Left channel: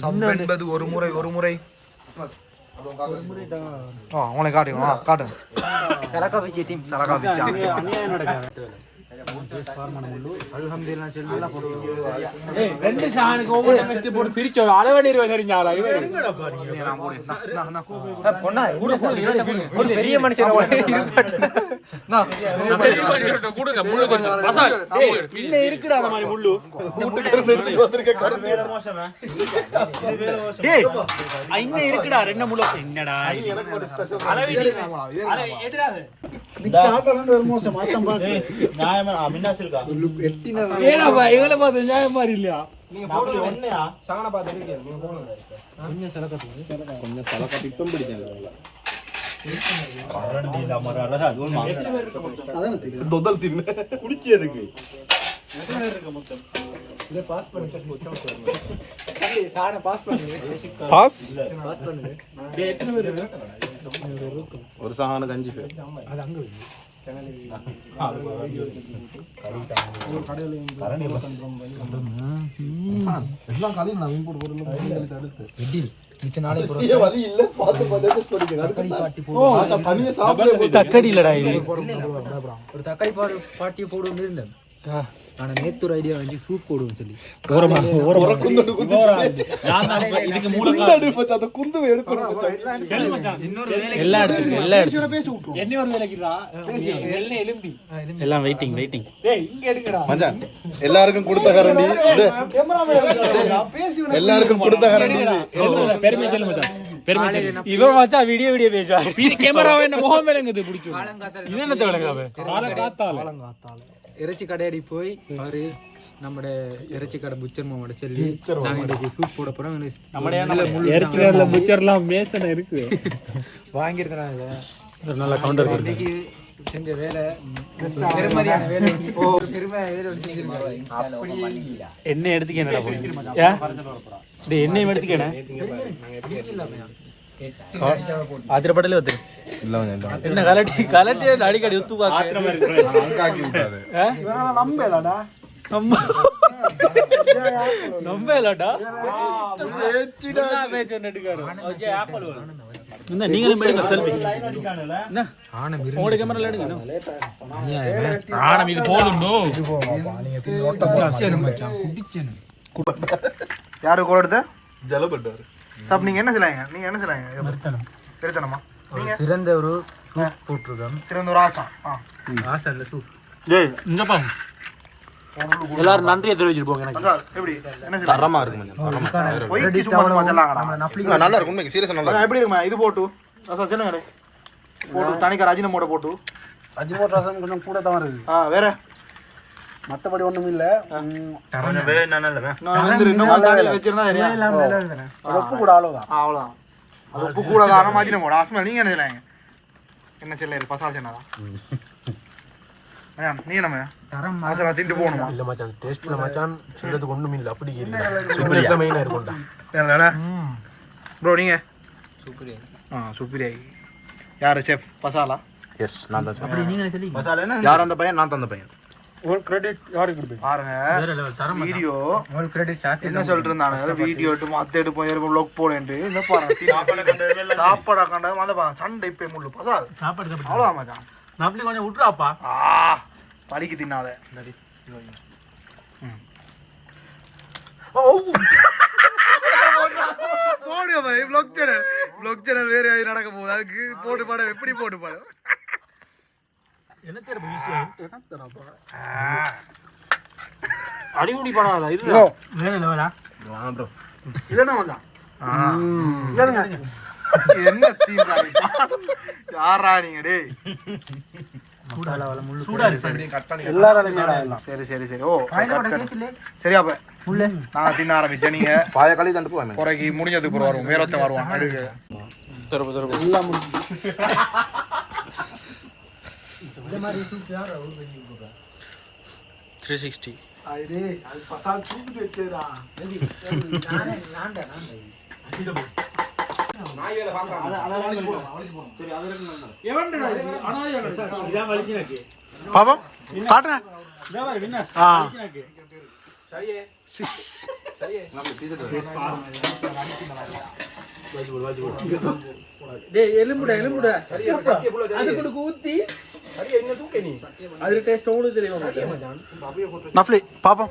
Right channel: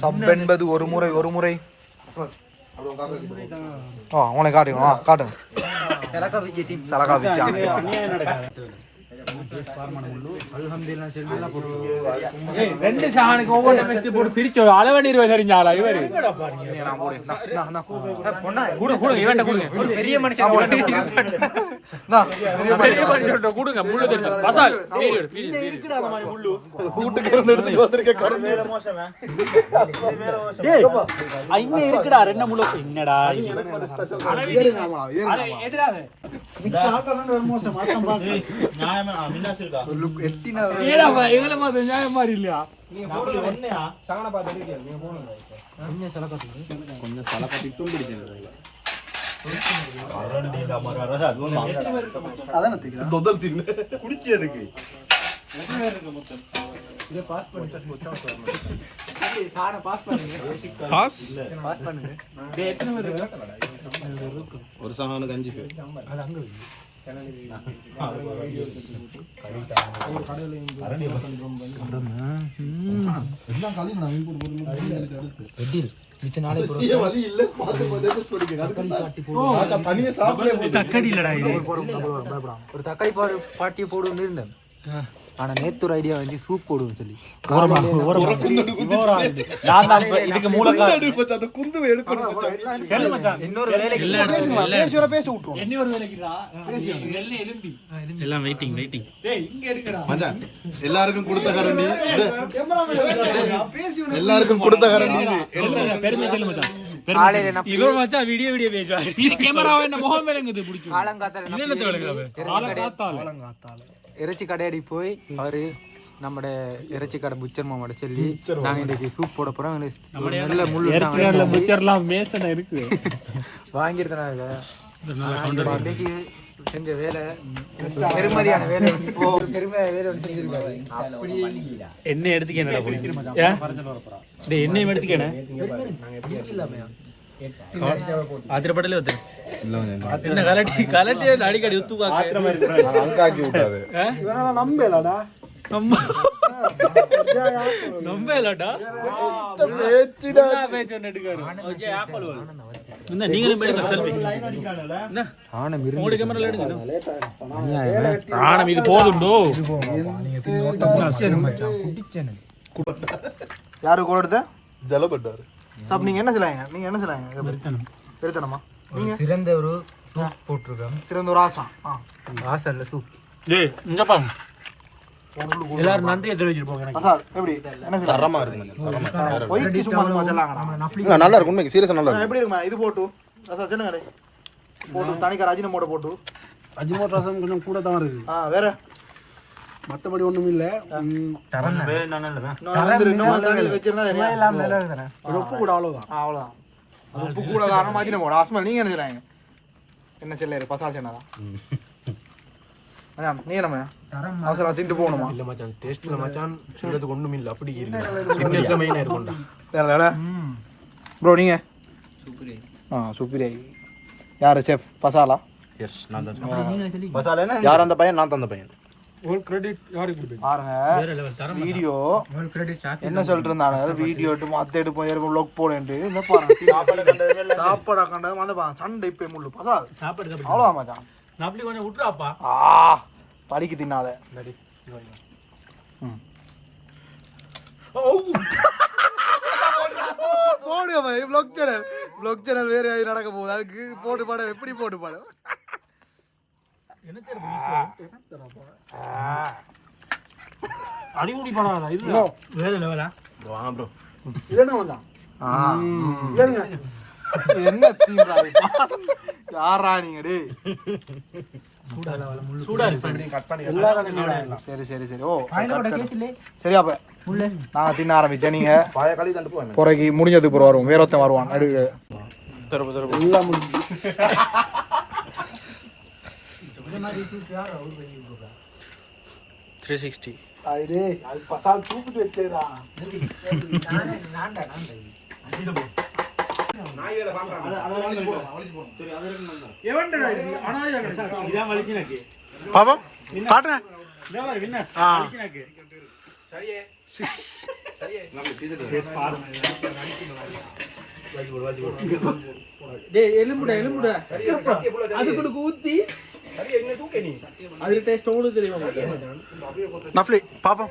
sub என்பது ஒரு முறை உனக்கு காட்டுங்க சலகா வச்சு ரெண்டு சாணிக்கு ஒவ்வொரு மெஸ்ட் போட்டு பிரிச்சு அளவடி 20 தெரிஞ்சாளா இவரு நான் போறேன் பெரிய மனுஷன் கொடுங்க முள்ளு கொஞ்சம் மசால் இல்ல இருக்குடா அந்த மாதிரி முள்ளு கூட்டுக்கு இருந்து எடுத்து வந்திருக்க வேற மோசமா டேய் இன்ன இருக்குடா ரெண்டு முள்ளு என்னடா அட எதிராது நிக்க ஆட்டல ஒரு மோசமா அதான் பாத்து நியாயமா அவினாஷ் இருக்கா எட்டினா ஏடா இதல பாத்து நியாயமா இல்லையா நீங்க போடு ஒண்ணேடா சகன பாத்து இருக்கீங்க நீங்க போடுங்க கொஞ்சம் சலகட்டிட்டும் பிடிச்சீங்க கரண்டில மரற அதுவும் அதானே தெரியும் தொதல் தின்னு குடிக்கிறதுக்கு எத்தனை பேர் இருக்கு மொத்தம் இத பாஸ் பண்ணி சொல்லி சாண பாஸ் பண்ணுங்க பாஸ் பண்ணுங்க எத்தனை பேர் இருக்கு ஒரு சாணக்கு 5 பேர் அது அங்க வை எல்லாம் காலி நான் போட்டு போறேன் அடுத்து வெட்டில் மிச்ச நாளே போறோம் வலி இல்ல பாத்து பாத்து சொல்லுங்க தக்காளி பாட்டி போடு தனியா சாப்பிட தக்காளி இல்லடா இது ஒரு தக்காளி பாட்டி போடுன்னு இருந்தேன் ஆனா நேத்து ஐடியா வந்து சூப் போடுவோம் சொல்லி இதுக்கு மூலக்காரணம் அந்த குந்து எடுக்கணும் மச்சான் இன்னொரு வேலை எல்லா பேசி விட்டுறோம் என்ன ஒரு வேலைக்குடா எல்லாம் எலும்பி எல்லாம் வெயிட்டிங் டேய் இங்க எடுங்கடா மச்சான் எல்லாருக்கும் கொடுத்த கரண்டி எல்லாருக்கும் கொடுத்த கரண்டி பெருமை சொல்லு மச்சான் இவன் மச்சான் வீடியோ பேசுவா இது கேமராவை என்ன முகம் விளங்குது பிடிச்சு ஆலங்காத்தால இது என்ன விளங்காவே ஆலங்காத்தால இறைச்சி கடையடி போய் அவரு நம்ம இறைச்சி கடை புச்சர் மாமாட சொல்லி நாங்க இன்னைக்கு சூப் போட போறோம் இறைச்சி கடையில புச்சர்லாம் மேசன இருக்கு வாங்கிருந்தாங்க இன்னைக்கு செஞ்ச வேலை பெருமதியான வேலை வேலை செஞ்சிருக்காரு என்ன எடுத்துக்க என்னடா போய் என்னையும் எடுத்துக்கேன ஆத்திரப்படலே வந்துரு என்ன கலட்டி அடிக்கடி உத்து நம்பலடா நீங்களும் எடுங்க செல்ஃபி உங்களோட கேமரால எடுங்க ஆனம் இது போதுண்டோ யாரு கோடுத ஜலகட்டாரு சாப் நீங்க என்ன சொல்றாங்க பெருத்தனமா நீங்க சிறந்த ஒரு சூப் போட்டுருக்கோம் சிறந்த ஒரு ஆசை இல்ல சூப் டேய் இங்க பாருங்க எல்லாரும் நன்றியை தெரிவிச்சிட்டு போங்க எனக்கு மசால் எப்படி என்ன சொல்றாங்க தரமா இருக்கு மச்சான் தரமா ஒய்க்கு சும்மா சொல்லாங்கடா நல்லா இருக்கு உண்மைக்கு சீரியஸா நல்லா இருக்கு எப்படி இருக்கு இது போட்டு மசால் சொல்லுங்க போட்டு தனிக்கா அஜினமோட போட்டு அஜினமோட ரசம் கொஞ்சம் கூட தான் வருது வேற மத்தபடி ஒண்ணும் இல்ல கொஞ்சம் வே நல்லவே நான் வச்சிருந்தா உப்பு கூட அவ்வளவுதான் உப்பு கூட காரணம் அஜினமோட ஆஸ்மல் நீங்க என்ன சொல்றாங்க என்ன சொல்ல பசால் சொன்னதா மச்சான் நீ என்ன அவசரம் திண்டு போகணுமா இல்ல மச்சான் டேஸ்ட்ல மச்சான் சொல்றதுக்கு ஒண்ணும் இல்ல அப்படி இல்ல சிக்னேச்சர் மெயினா இருக்கும்டா வேறல ப்ரோ நீங்க சூப்பரே யார் செஃப் பசாலா எஸ் நான் தான் செஃப் நீங்க சொல்லி பசாலா என்ன யார் அந்த பையன் நான் தான் அந்த பையன் ஒரு கிரெடிட் யாருக்கு கொடுப்பீங்க பாருங்க வேற லெவல் தரம் வீடியோ ஒரு கிரெடிட் ஷாட் என்ன சொல்லிட்டு இருந்தானே வீடியோ எடுத்து மாத்த எடுத்து போய் vlog போறேன்னு இந்த பாருங்க சாப்பாடு கண்டது அந்த சண்டை இப்ப முள்ளு பசால் சாப்பாடு அவ்வளவுதான் மச்சான் நாப்லி கொஞ்சம் விட்டுறாப்பா படிக்கு தின்னாத போடு பாய் vlog சேனல் வேற நடக்க போகுது அதுக்கு போட்டு பாட எப்படி போட்டு பாடு என்ன தெரியல ஈஸியா அடிமுடி படம் இல்ல வேற லெவலா வாங்க ப்ரோ இதென்ன வந்தா இல்லங்க என்ன தீம் ராய் யாரா நீங்க டேய் சூடா இருக்கு எல்லாரும் சரி ஓ சரி அப்ப நான் தின்ன ஆரம்பிச்சேன் நீங்க பாய காலி தண்டு போங்க குறைக்கு முடிஞ்சதுக்கு அப்புறம் வரும் வேற ஒருத்தன் வருவான் நடுவே தரப்பு எல்லாம் இந்த மாதிரி சூப் யாரா ஊர் 360 ஐரே அது பசால் சூப் வெச்சேடா நான்டா நாயில வாங்க அத வலிக்கு போடு சரி அது இருக்கு எவன்டா இது அனாதையா இதான் வலிக்கினக்கு பாப்பா காட்டுங்க இதா பாரு வின்னர் வலிக்கினக்கு சரியே எலும்புட அதுக்குள்ள ஊத்தி அது டேஸ்ட் உங்களுக்கு தெரியும் நஃப்லி பாப்போம்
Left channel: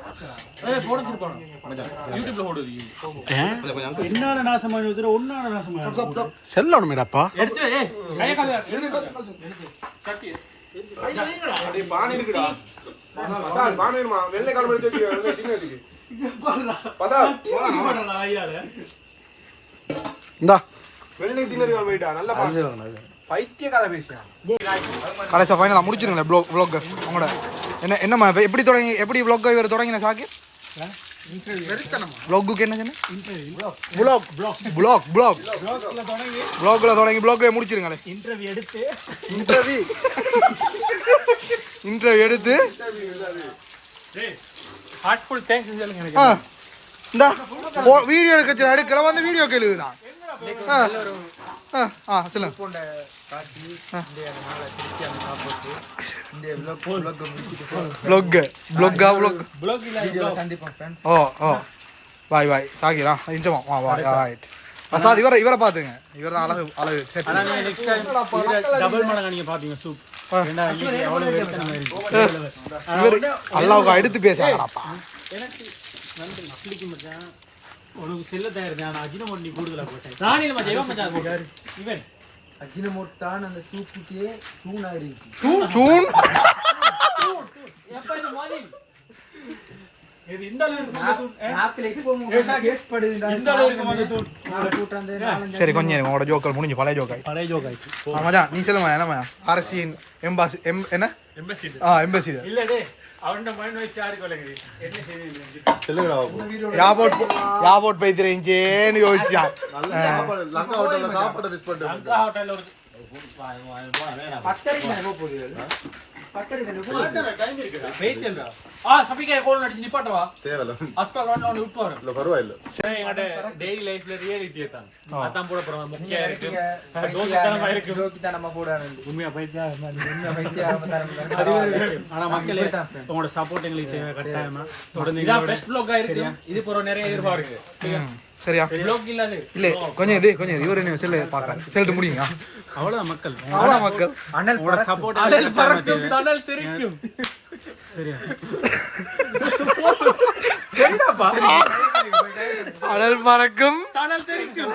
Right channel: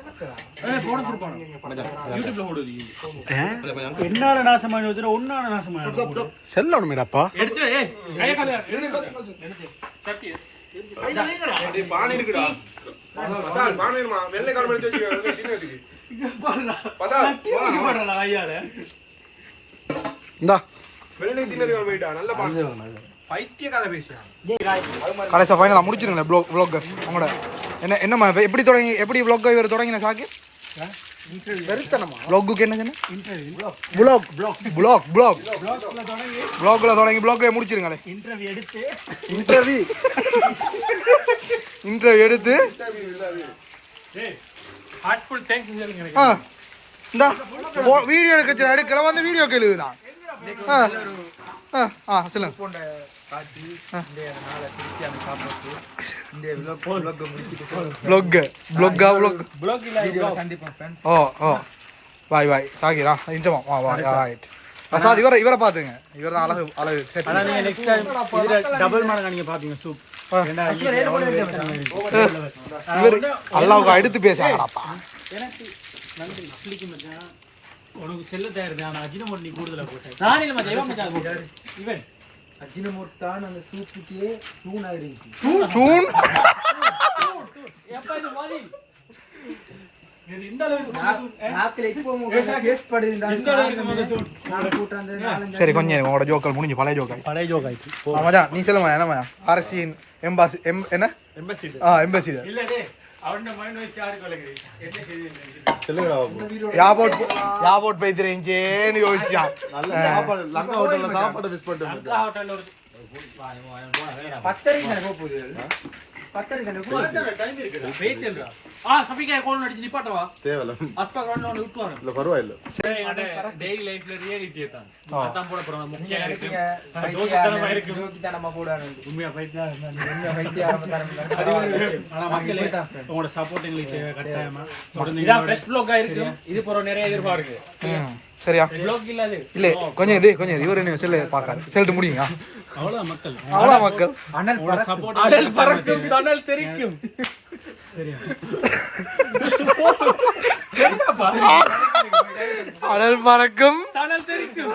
யூடியூப்ல போடுது என்னால நாசமானது ஒன்னால நாசமானது செல்லணும் மேடப்பா எடுத்து ஏய் சட்டி பானை இருக்குடா பசால் பானை இருமா வெள்ளை கால் எடுத்து வெள்ளை சின்ன வச்சுக்கு பசால் சட்டி போடலாம் ஐயால இந்தா வெள்ளை தின்னதுக்கு போய்டா நல்ல பைத்திய கதை பேசியா கடைசி ஃபைனலா முடிச்சிருங்க vlog உங்களோட என்ன எப்படி தொடங்கி எப்படி vlog இவர் தொடங்கின சாக்கி vlogக்கு என்ன சொன்ன vlogல தொடங்கி vlogல முடிச்சிருங்களே இன்டர்வியூ எடுத்து ஹார்ட்ஃபுல் தேங்க்ஸ் சொல்லுங்க இந்த வீடியோ எடுக்கிற வந்து வீடியோ கேளுதான் சொல்லுங்க பாய் சாகிரா இன்சமா பிரசாத் இவரை பாத்துங்க இவர் தான் அழகு செட் டபுள் மடங்கா நீங்க பாத்தீங்க சூப் இவர் அல்லாவுக்கு எடுத்து பேசுறாங்கப்பா உனக்கு செல்ல தயார் நான் அஜினமோட் நீ கூடுதலா போட்டேன் நான் இல்ல மச்சான் இவன் மச்சான் போட்டாரு இவன் அஜினமோட் தான் அந்த சூப்புக்கே தூண் ஆயிடுச்சு சூன் எப்ப இது மாதிரி இது இந்த அளவுக்கு நாக்குல இது போங்க டேஸ்ட் படுதுடா இந்த அளவுக்கு வந்து தூண் நான் கூட்ட அந்த நாலஞ்சு சரி கொஞ்சம் உங்களோட ஜோக்கல் முடிஞ்சு பழைய ஜோக்காய் மச்சான் நீ சொல்லுமா என்னமா அரசியின் எம்பாசி என்ன எம்பசி எம்பசி இல்ல டே அவன மைண்ட் வைஸ் யாருக்கு வலகுது என்ன செய்து யாபோட் பைத்திரேஞ்சேன்னு யோசிச்சான் லங்கா ஹோட்டல்ல சாப்பிட்டு மிஸ் பண்ணிட்டேன் லங்கா ஹோட்டல்ல ஒரு பத்தரிக்கு நான் போகுது பத்தரிக்கு நான் போகுது டைம் இருக்குடா வெயிட் இல்லடா சபிகா கோல் அடிச்சு நிப்பாட்டவா தேவல ஹாஸ்பிடல் ஒன்னு ஒன்னு விட்டு வரேன் இல்ல பரவாயில்லை எங்கட டெய்லி லைஃப்ல ரியாலிட்டி தான் அதான் போட போறோம் முக்கிய இருக்கு ஜோக்கி தான் நம்ம கூட உண்மையா பைத்தியா உண்மையா பைத்தியா ஆனா மக்களே உங்களோட சப்போர்ட் எங்களுக்கு தேவை கட்டாயமா தொடர்ந்து இதான் பெஸ்ட் vlog இருக்கு இது போற நிறைய எதிர்பார்க்கு சரியா vlog இல்ல இல்ல கொஞ்சம் இவரு என்ன செல்ல பாக்காரு செல்லிட்டு முடியுங்க அவ்வளவு மக்கள் அனல் சப்போர்ட் அனல் தெரிக்கும் சரியா அனல் பறக்கும் அனல் தெரிக்கும்